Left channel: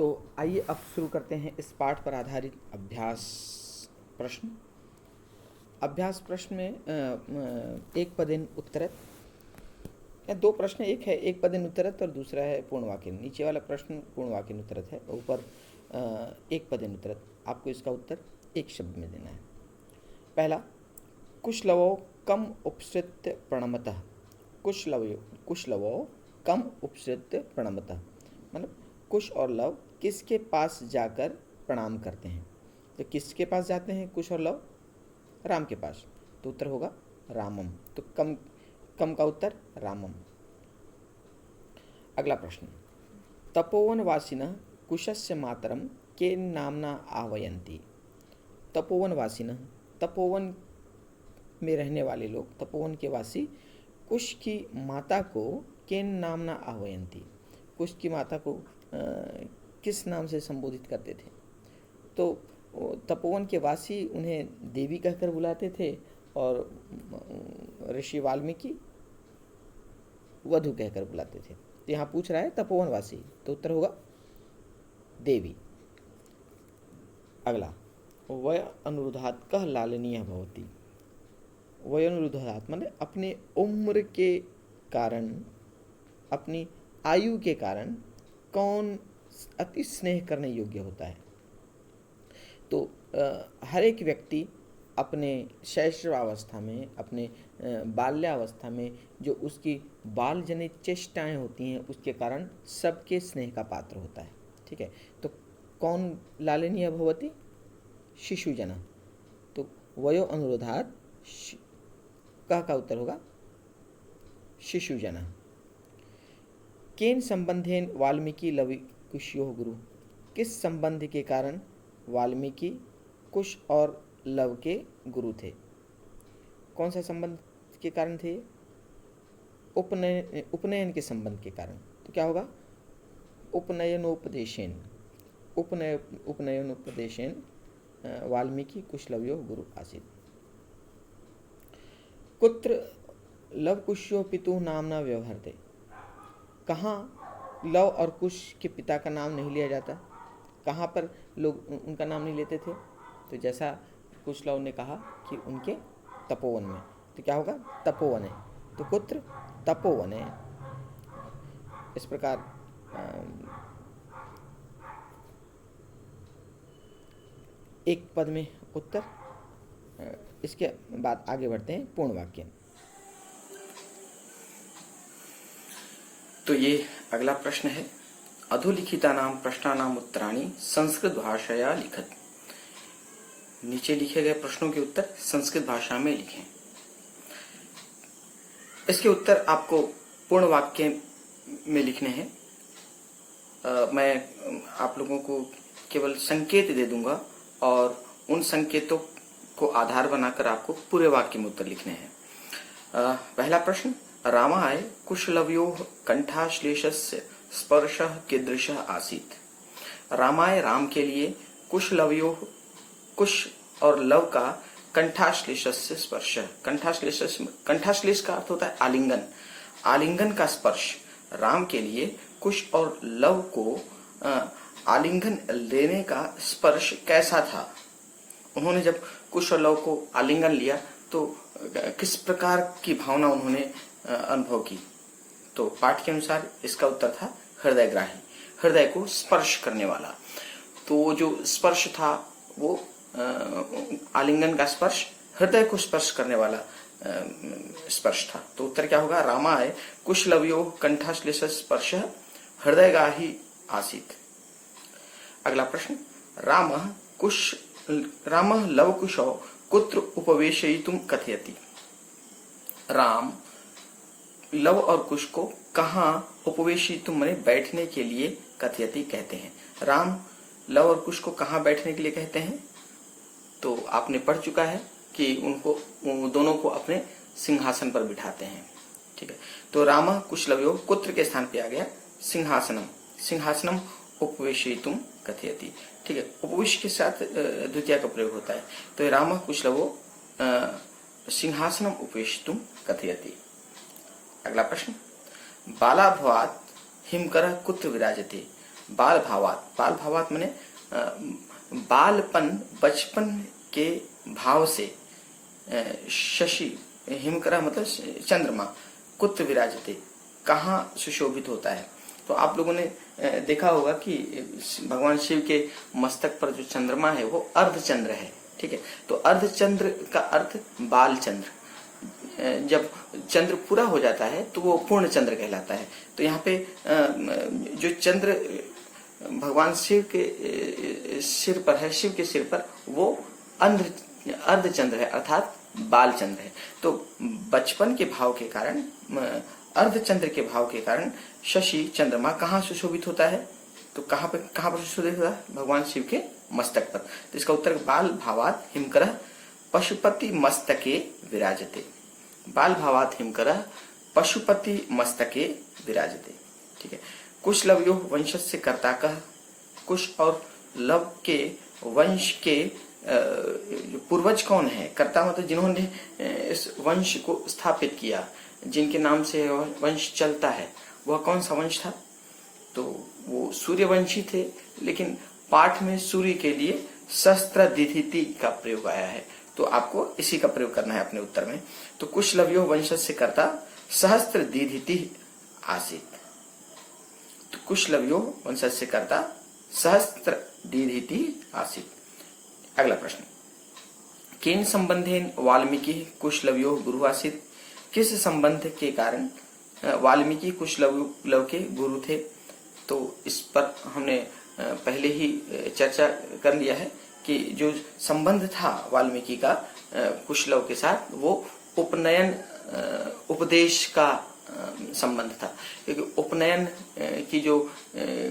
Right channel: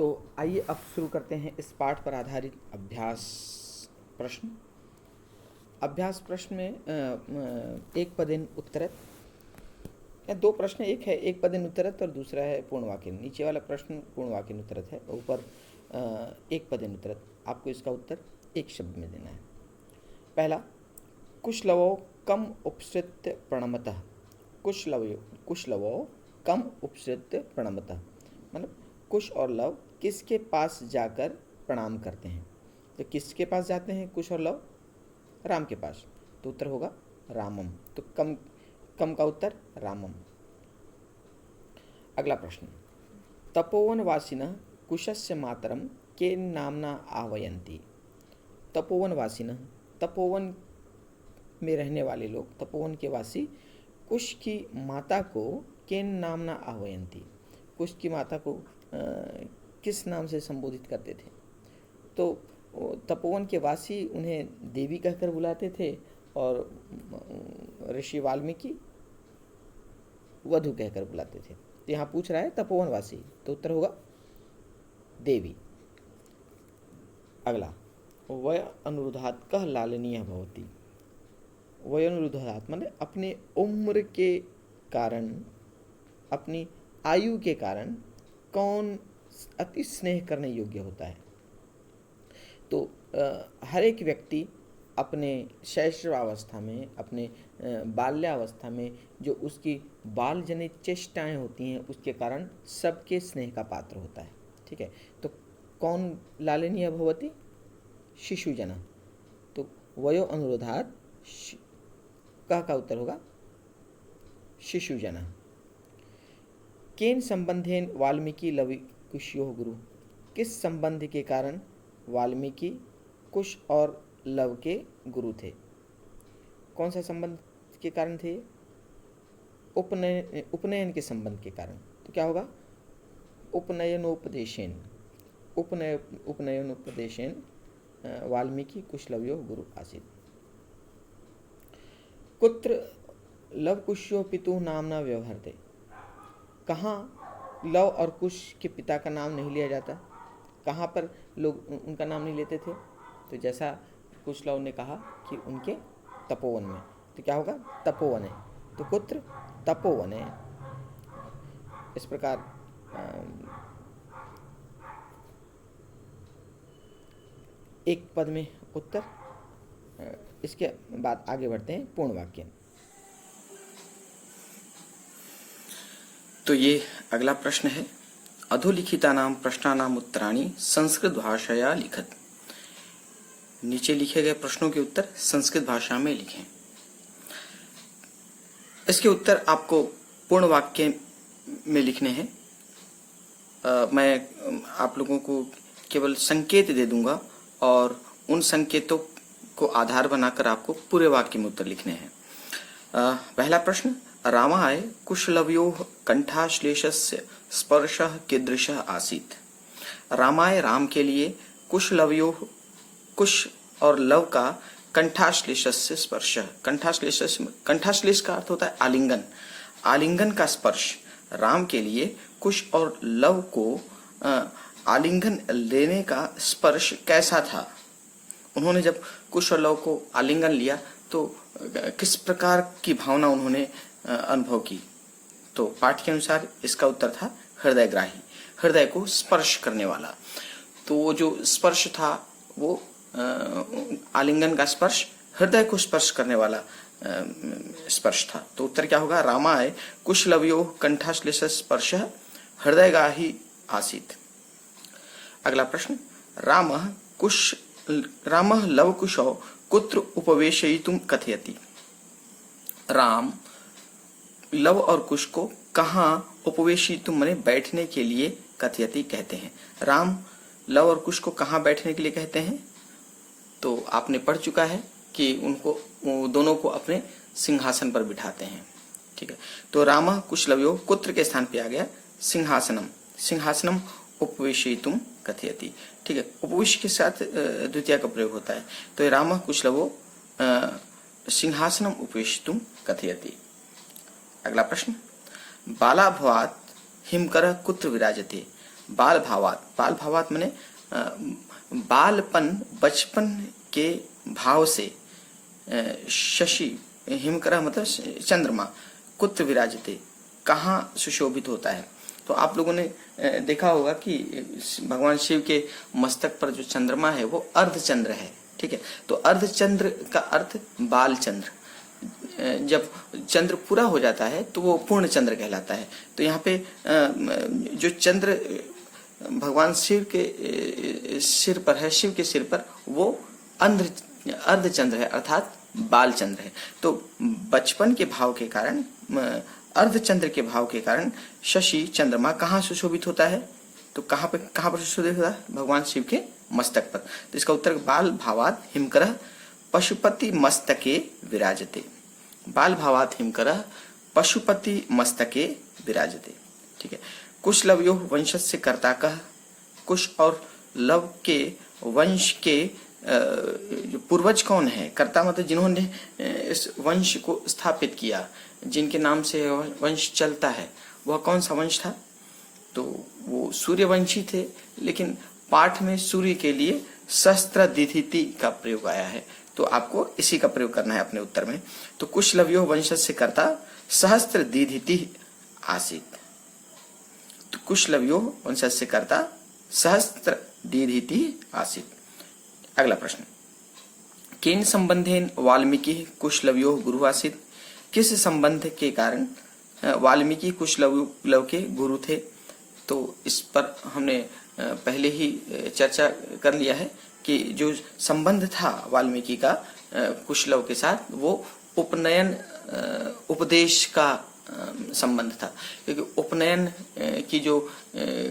तो आइए अब शुरू करते हैं इस पाठ पर आधारित अभ्यास प्रश्न। अभ्यास प्रश्न में एक पदेन उत्तरत, या दो प्रश्न, एक है एक पदेन उत्तरत और दूसरा है पूर्ण वाक्य। नीचे वाला प्रश्न पूर्ण वाक्य उत्तरत है, ऊपर एक पदेन उत्तरत। आपको इसका उत्तर एक शब्द में देना है। पहला, कुशलवो कम उपसृत्य प्रणमतः। कुशलवो कम उपसृत्य प्रणमतः, मतलब कुश और लव किसके पास जाकर प्रणाम करते हैं। तो किसके पास जाते हैं कुश और लव? राम के पास, तो उत्तर होगा रामम। तो कम कम का उत्तर रामम। अगला प्रश्न, तपोवन वासिनः कुशस्य मातरम के नामना आह्वयन्ति। तपोवन वासिनः, तपोवन में रहने वाले लोग, तपोवन के वासी कुश की माता को केन नामना आह्वयन्ति, कुश की माता को किस नाम से संबोधित करते थे? तो तपोवन के वासी उन्हें देवी कहकर बुलाते थे और ऋषि वाल्मीकि वधु कहकर बुलाते थे। तो यहाँ पूछ रहा है तपोवन वासी, तो उत्तर होगा देवी। अगला, वय अनुरुद्धात् कः लालनीयः भवति। वय अनुरुद्धात् मतलब अपने उम्र के कारण, अपनी आयु के कारण कौन अति स्नेह करने योग्य होता है? तो हर एक व्यक्ति अपने शैशवावस्था में, अपने बाल्यावस्था में जो उसकी बाल जनित चेष्टाएँ होती हैं, उसके कारण सबके स्नेह का पात्र होता है। ठीक है, तो कौन लालनीय भवति? शिशुजना। तो वयो अनुरोधात् का उत्तर होगा शिशुजना। केन संबंधेन वाल्मीकि लव कुशयोः गुरु। किस संबंध के कारण वाल्मीकि कुश और लव के गुरु थे? कौन सा संबंध के कारण थे? उपनयन के संबंध के कारण। तो क्या होगा? उपनयनोपदेशेन। उपनयनोपदेशेन वाल्मीकि कुशलवयो गुरु आसीत्। कुत्र लव कुशयो पितुः नामना व्यवहरते। कहाँ लव और कुश के पिता का नाम नहीं लिया जाता? कहाँ पर लोग उनका नाम नहीं लेते थे? तो जैसा कुशलव ने कहा कि उनके तपोवन में, तो क्या होगा? तपोवन है। तो कुत्र? तपोवन है। इस प्रकार एक पद में उत्तर। इसके बाद आगे बढ़ते हैं पूर्ण वाक्य। तो ये अगला प्रश्न है, अधोलिखितानां प्रश्नानां उत्तराणि संस्कृत भाषाया लिखत। नीचे लिखे गए प्रश्नों के उत्तर संस्कृत भाषा में लिखें। इसके उत्तर आपको पूर्ण वाक्य में लिखने हैं। मैं आप लोगों को केवल संकेत दे दूंगा और उन संकेतों को आधार बनाकर आपको पूरे वाक्य में उत्तर लिखने हैं। पहला प्रश्न, रामाय कुशलवयोः कंठाश्लेषस्य स्पर्शः कीदृशः आसीत्। रामाय, राम के लिए, कुशलवयोः, कुश और लव का, कंठाश्लेषस्य स्पर्श, कंठाश्लेष का अर्थ होता है आलिंगन, आलिंगन का स्पर्श। राम के लिए कुश और लव को आलिंगन लेने का स्पर्श कैसा था? उन्होंने जब कुश और लव को आलिंगन लिया तो किस प्रकार की भावना उन्होंने अनुभव की? तो पाठ के अनुसार इसका उत्तर था हृदयग्राही, हृदय को स्पर्श करने वाला। तो जो स्पर्श था वो आलिंगन का स्पर्श, हृदय को स्पर्श करने वाला स्पर्श था। तो उत्तर क्या होगा? रामाय कुशलवयोः कंठाश्लेष स्पर्श हृदयग्राही आसीत्। अगला प्रश्न, रामः लवकुशौ कुत्र उपवेशयितुं कथयति। राम लव और कुश को कहाँ उपवेशयितुं माने बैठने के लिए कथयति कहते हैं। राम लव और कुश को कहाँ बैठने के लिए कहते हैं? तो आपने पढ़ चुका है कि उनको दोनों को अपने सिंहासन पर बिठाते हैं। ठीक है, तो राम कुशलवयो कुत्र के स्थान पे आ गया सिंहासनम, सिंहासनम उपवेशयितुं कथयति। ठीक है, उपवेश के साथ द्वितीय का प्रयोग होता है। तो राम कुशलवो सिंहासनम उपवेशयितुं कथयति। अगला प्रश्न, बालाभवात् हिमकर कुत्र विराजते। बाल भावात माने बालपन, बचपन के भाव से शशि हिमकरा मतलब चंद्रमा कुत्र विराजते, कहाँ सुशोभित होता है। तो आप लोगों ने देखा होगा कि भगवान शिव के मस्तक पर जो चंद्रमा है वो अर्धचंद्र है, ठीक है। तो अर्धचंद्र का अर्थ बाल चंद्र, जब चंद्र पूरा हो जाता है तो वो पूर्ण चंद्र कहलाता है। तो यहाँ पे जो चंद्र भगवान शिव के सिर पर है, शिव के सिर पर, वो अर्धचंद्र है अर्थात बाल चंद्र है। तो बचपन के भाव के कारण, अर्धचंद्र के भाव के कारण शशि चंद्रमा कहाँ सुशोभित होता है, तो कहाँ पर सुशोभित होता है? भगवान शिव के मस्तक पर। तो इसका उत्तर बाल भावात हिमकरः पशुपति मस्तके विराजते, बाल भावात हिमकरः पशुपति मस्तके विराजते, ठीक है। कुश लवयो वंशस्य कर्ता कः, कुश और लव के वंश के पूर्वज कौन है? कर्ता मतलब जिन्होंने इस वंश को स्थापित किया, जिनके नाम से वंश चलता है, वह कौन सा वंश था? तो वो सूर्यवंशी थे, लेकिन पाठ में सूर्य के लिए सहस्त्रदिधिति का प्रयोग आया है, तो आपको इसी का प्रयोग करना है अपने उत्तर में। तो कुशलवयो वंशस्य कर्ता सहस्त्रदिधिति आसीत, तो कुशलवयो वंशस्य कर्ता सहस्त्रदिधिति आसीत। अगला प्रश्न, केन संबंधेन वाल्मीकि कुशलवयो गुरु आसीत, किस संबंध के कारण वाल्मीकि कुशलव के गुरु थे? तो इस पर हमने पहले ही चर्चा कर लिया है कि जो संबंध था वाल्मीकि का कुशलव के साथ, वो उपनयन उपदेश का संबंध था, क्योंकि उपनयन की जो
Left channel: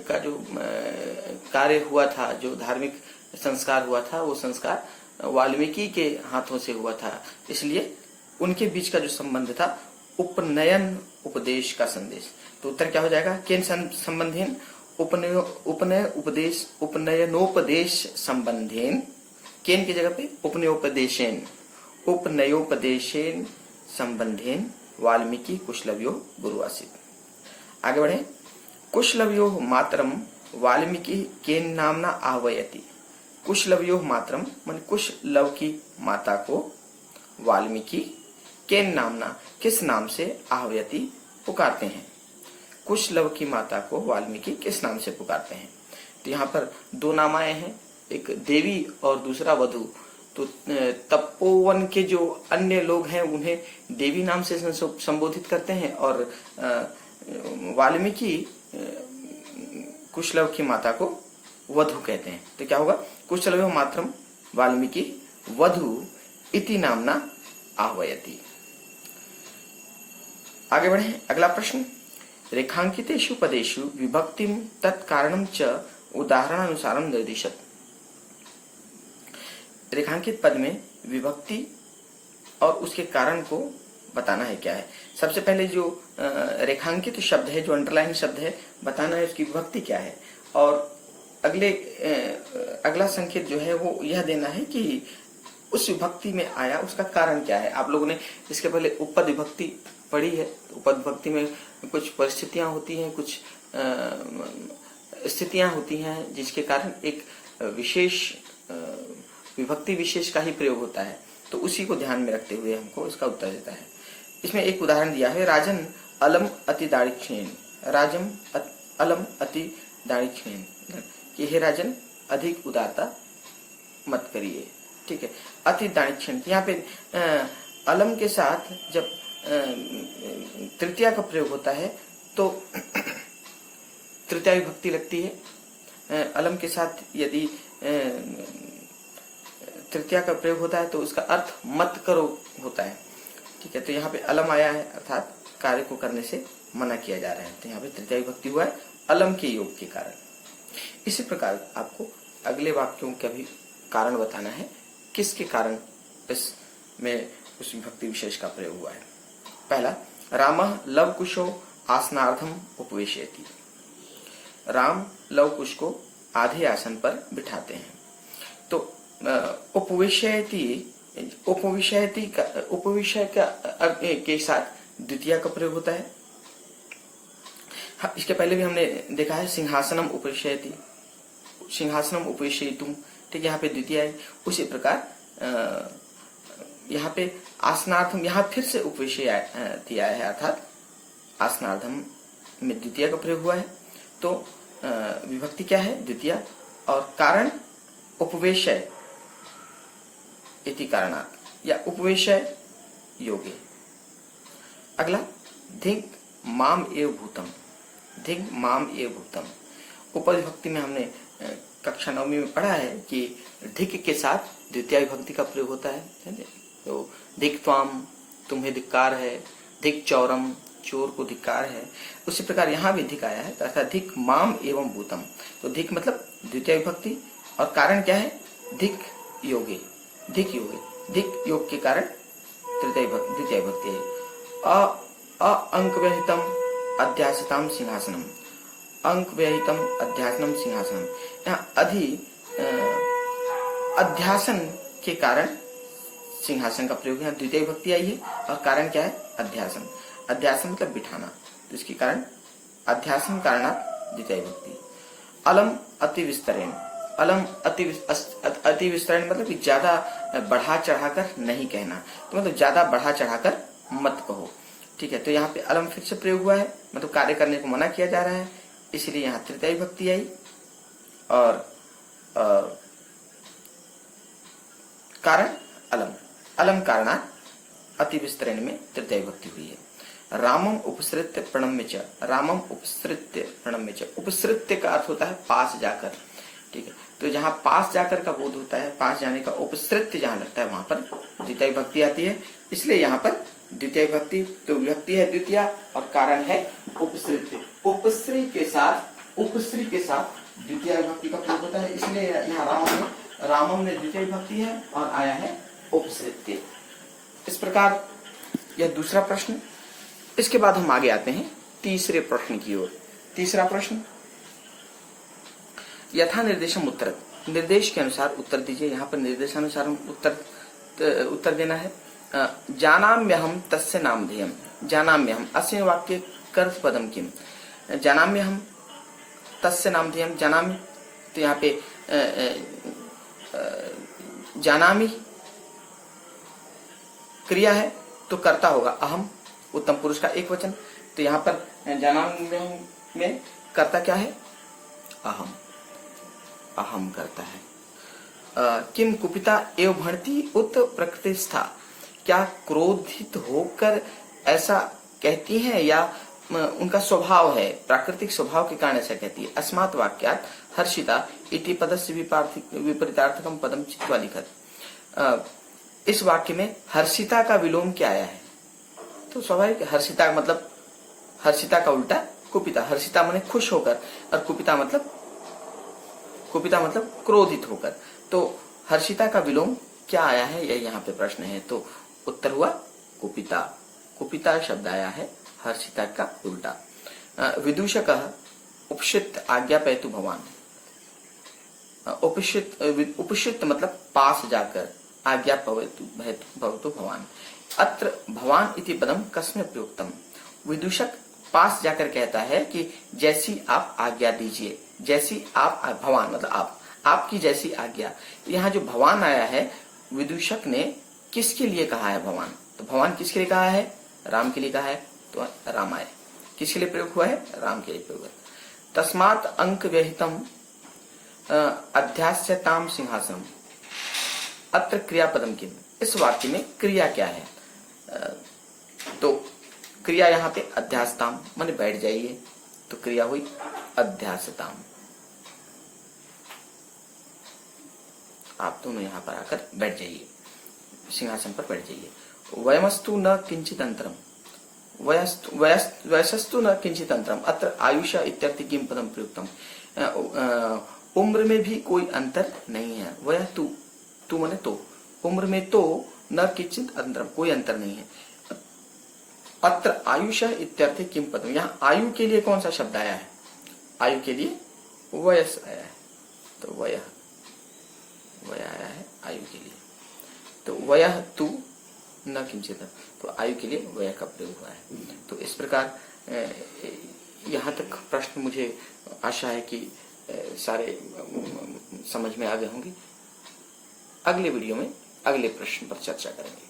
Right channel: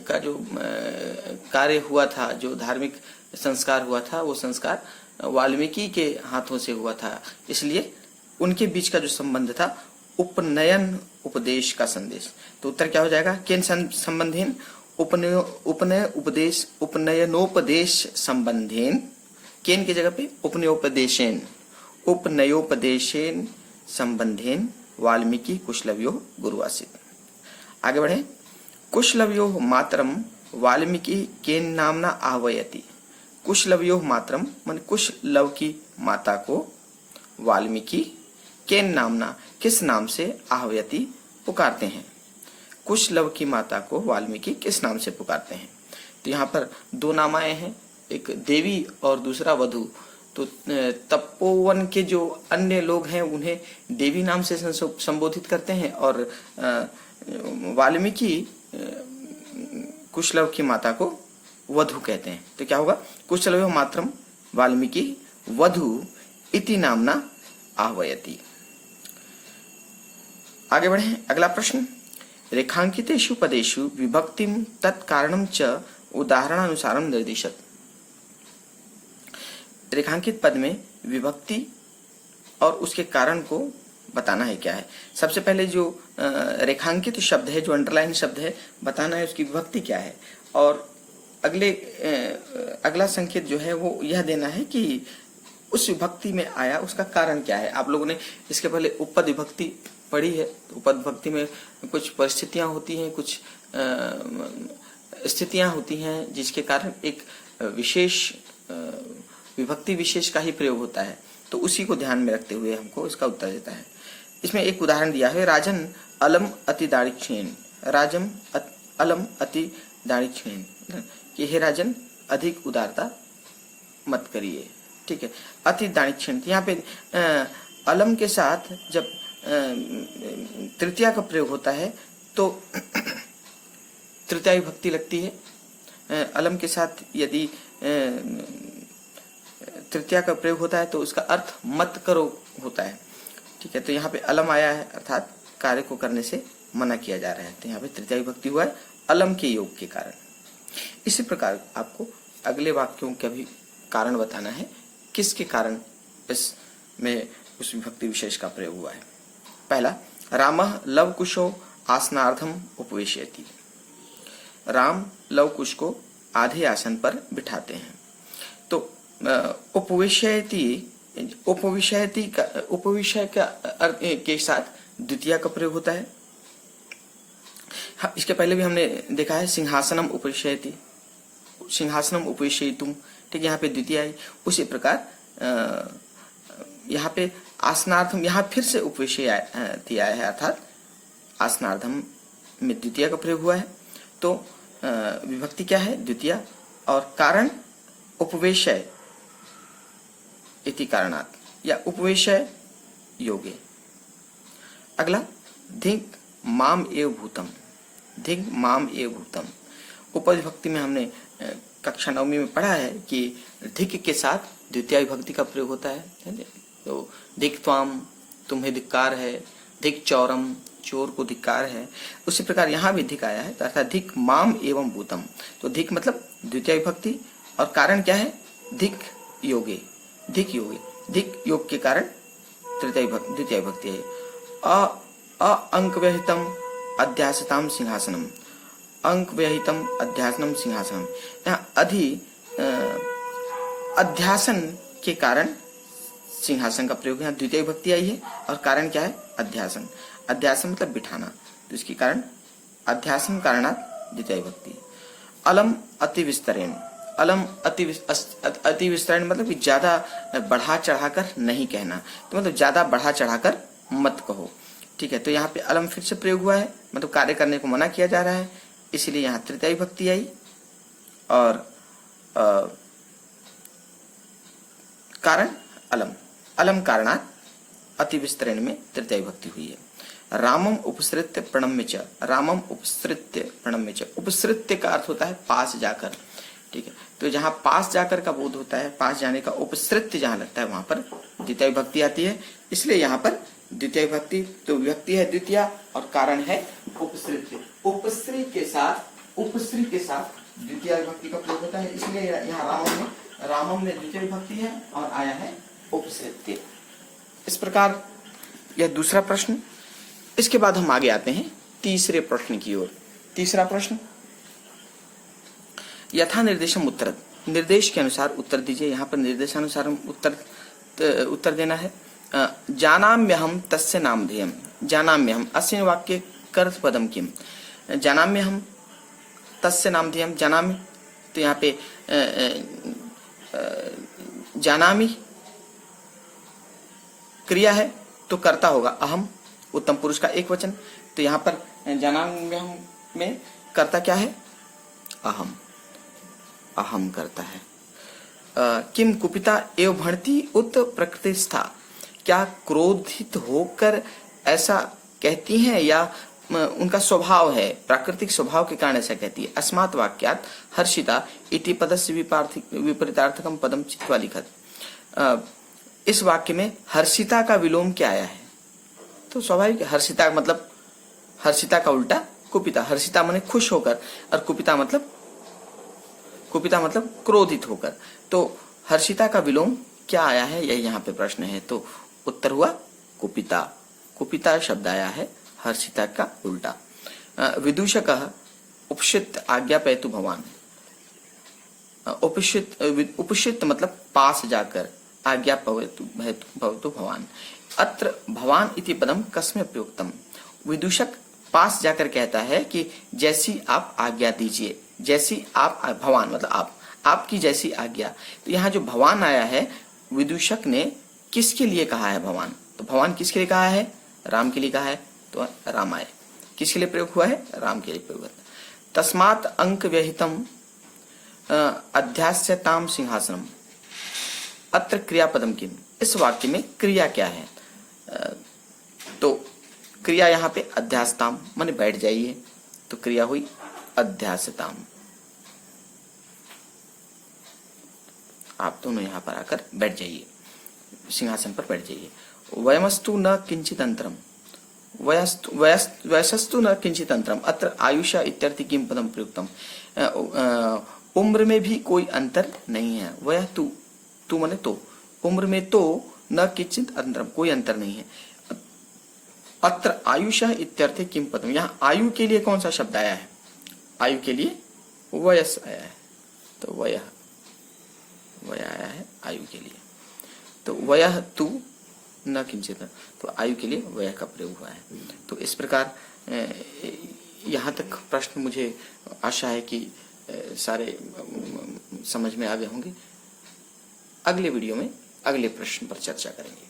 कार्य हुआ था, जो धार्मिक संस्कार हुआ था, वो संस्कार वाल्मीकि के हाथों से हुआ था, इसलिए उनके बीच का जो संबंध था उपनयन उपदेश का संदेश। तो उत्तर क्या हो जाएगा? केन संबंधेन उपनय उपदेश उपनयनोपदेश संबंधेन, केन की जगह पे उपनयोपदेशेन संबंधेन वाल्मीकि कुशलवयो गुरु आसीत। आगे बढ़े, कुशलवयो मातरम वाल्मीकि केन नामना आह्वयति, कुशलवयो मातरम मन कुशलव की माता को वाल्मीकि केन नामना किस नाम से आह्वयति पुकारते हैं, कुशलव की माता को वाल्मीकि किस नाम से पुकारते हैं? तो यहाँ पर दो नाम आए हैं, एक देवी और दूसरा वधु। तो तपोवन के जो अन्य लोग हैं उन्हें देवी नाम से संबोधित करते हैं, और वाल्मीकि कुशलव की माता को वधु कहते हैं। तो क्या होगा? कुशलव मात्रम वाल्मीकि वधु इति नामना आह्वयति। आगे बढ़े, अगला प्रश्न, रेखांकितेषु पदेषु विभक्तिम तत्कारणम च उदाहरणानुसारम निर्दिशत। रेखांकित पद में विभक्ति और उसके कारण को बताना है क्या है। सबसे पहले जो रेखांकित शब्द है, जो अंडरलाइन शब्द है, बताना है उसकी विभक्ति क्या है, और अगला संकेत जो है वो यह देना है कि उस विभक्ति में आया उसका कारण क्या है। आप लोगों ने इसके पहले उपपद विभक्ति पढ़ी है। उपपद विभक्ति में कुछ परिस्थितियां होती हैं, कुछ स्थितियां होती हैं, जिसके कारण एक विशेष विभक्ति विशेष का ही प्रयोग होता है। तो उसी को ध्यान में रखते हुए हमको इसका उत्तर देता है। इसमें एक उदाहरण दिया है, राजन अलम अति दारिक्षेण, राजम अलम अति दारिक्षेण, कि हे राजन अधिक उदारता मत करिए, ठीक है। अति दारिक्षेण, यहाँ पे अलम के साथ जब तृतीया का प्रयोग होता है तो तृतीया विभक्ति लगती है। अलम के साथ यदि तृतीया का प्रयोग होता है तो उसका अर्थ मत करो होता है, ठीक है। तो यहाँ पे अलम आया है, अर्थात कार्य को करने से मना किया जा रहा है। तो यहाँ पे तृतीया विभक्ति हुआ है अलम के योग के कारण। इसी प्रकार आपको अगले वाक्यों का भी कारण बताना है, किसके कारण इसमें उस विभक्ति विशेष का प्रयोग हुआ है। पहला, रामः लवकुशो आसनार्थम उपवेशयति, राम लवकुश को आधे आसन पर बिठाते हैं। तो उपवेशयति, उपविषय का के साथ द्वितीया का प्रयोग होता है। हाँ, इसके पहले भी हमने देखा है सिंहासनम उपविशयति, सिंहासनम उपविशयितुम, ठीक, यहाँ पे द्वितीय है। उसी प्रकार यहाँ पे आसनार्थम, यहाँ फिर से उपविशय दिया है, अर्थात आसनार्थम में द्वितीय का प्रयोग हुआ है। तो विभक्ति क्या है? द्वितीय। और कारण उपवेशय इति कारणात् या उपवेशय योगे। अगला धिक माम एव भूतम, धिक माम एव भूतम। उपविभक्ति में हमने कक्षा 9वीं में पढ़ा है कि धिक के साथ द्वितीय विभक्ति का प्रयोग होता है। तो धिक त्वाम, तुम्हें धिक्कार है, धिक चौरम, चोर को धिक्कार है। उसी प्रकार यहाँ भी धिक आया है, तो अर्थात धिक माम एवं भूतम। तो धिक मतलब द्वितीय विभक्ति, और कारण क्या है? धिक योगे, धिक योगे, धिक योग के कारण द्वितीय विभक्ति है। अंक व्यहितम अध्यासताम सिंहासनम, अंक व्यहितम अध्यासनम सिंहासनम। यहाँ अध्यासन के कारण सिंहासन का प्रयोग, यहाँ द्वितीय विभक्ति आई है, और कारण क्या है? अध्यासन। अध्यासन मतलब बिठाना, तो इसके कारण अध्यासन कारणात् द्वितीय विभक्ति। अलम अति विस्तरेण, अलम अति विस्तरेण मतलब कि ज्यादा बढ़ा चढ़ाकर नहीं कहना, तो मतलब ज्यादा बढ़ा चढ़ाकर मत कहो, ठीक है। तो यहाँ पे अलम फिर से प्रयोग हुआ है, मतलब कार्य करने को मना किया जा रहा है, इसलिए यहाँ तृतीय विभक्ति आई। और कारण अलम, अलम कारणात् अति विस्तरण में तृतीय विभक्ति हुई है। रामम उपसृत्य प्रणम्य च, रामम उपसृत्य प्रणम्य च। उपसृत्य का अर्थ होता है पास जाकर, ठीक है। तो जहाँ पास जाकर का बोध होता है, पास जाने का, उपसृत्य जहाँ लगता है वहां पर द्वितीय विभक्ति आती है, इसलिए यहाँ पर द्वितीय विभक्ति। तो विभक्ति है द्वितीय और कारण है उपसृत्य। उपश्री के साथ, उपश्री के साथ द्वितीय विभक्ति का प्रयोग होता है, इसलिए यहाँ रामम में द्वितीय विभक्ति है और आया है उपसृत्य। इस प्रकार यह दूसरा प्रश्न। इसके बाद हम आगे आते हैं तीसरे प्रश्न की ओर। तीसरा प्रश्न, यथा निर्देशम उत्तर, निर्देश के अनुसार उत्तर दीजिए। यहाँ पर निर्देशानुसार उत्तर देना है। जानाम्यहम तस्य नामधेयम, जानाम्यहम अस्मिन् वाक्ये कर्तृपदम किम, जानाम्यहम तस्य नामधेयम, जानामि, तो यहाँ पे जानामि क्रिया है तो कर्ता होगा अहम, उत्तम पुरुष का एक वचन। तो यहाँ पर जानाम्यहम में कर्ता क्या है? अहम, अहम करता है। किम कुपिता एव भणति उत प्रकृतिस्था, क्या क्रोधित होकर ऐसा कहती हैं या उनका स्वभाव है, प्राकृतिक स्वभाव के कारण ऐसा कहती है। अस्मात् वाक्यात् हर्षिता इति पदस्य विपरीतार्थकम पदम चित्वा लिखत। इस वाक्य में हर्षिता का विलोम क्या आया है? तो स्वाभाविक, हर्षिता मतलब, हर्षिता का उल्टा कुपिता। हर्षिता माने खुश होकर, और कुपिता मतलब क्रोधित होकर। तो हर्षिता का विलोम क्या आया है, यही यहाँ पे प्रश्न है। तो उत्तर हुआ कुपिता। कुपिता शब्द आया है हर्षिता का उल्टा। विदूषक उपशित आज्ञापयतु भवान, उपशित मतलब पास जाकर, आज्ञापयतु भवान। अत्र भवान इति पदम कस्मै प्रयुक्तम, विदूषक पास जाकर कहता है कि जैसी आप आज्ञा दीजिए, जैसी आप, भवान मतलब आप, आपकी जैसी आज्ञा। तो यहाँ जो भवान आया है, विदूषक ने किसके लिए कहा है भवान? तो भवान किसके लिए कहा है? राम के लिए कहा है, तो राम आए। किसके लिए प्रयोग हुआ है? राम के लिए प्रयोग हुआ। तस्मात् अंक व्यहितम अध्यास्यताम सिंहासनम, अत्र क्रियापदम किम, इस वाक्य में क्रिया क्या है? तो क्रिया यहाँ पे अध्यासताम माने बैठ जाइए, तो क्रिया हुई अध्यासताम। आप दोनों यहाँ पर आकर बैठ जाइए, सिंहासन पर बैठ जाइए। वयमस्तु न किंचित अंतरम, वयसस्तु न किंचित अंतरम, अत्र आयुषा इत्यर्थ किम पदम प्रयुक्तम। उम्र में भी कोई अंतर नहीं है। वह तू माने तो, उम्र में तो न किंचित अंतरम, कोई अंतर नहीं है। अत्र आयुषा इत्यर्थ किम पदम, यहाँ आयु के लिए कौन सा शब्द आया है? आयु के लिए वयस आया है, तो वय आया है आयु के लिए। तो वयः तू न किंचित, तो आयु के लिए वय का प्रयोग हुआ है। तो इस प्रकार यहाँ तक प्रश्न मुझे आशा है कि सारे समझ में आ गए होंगे। अगले वीडियो में अगले प्रश्न पर चर्चा करेंगे।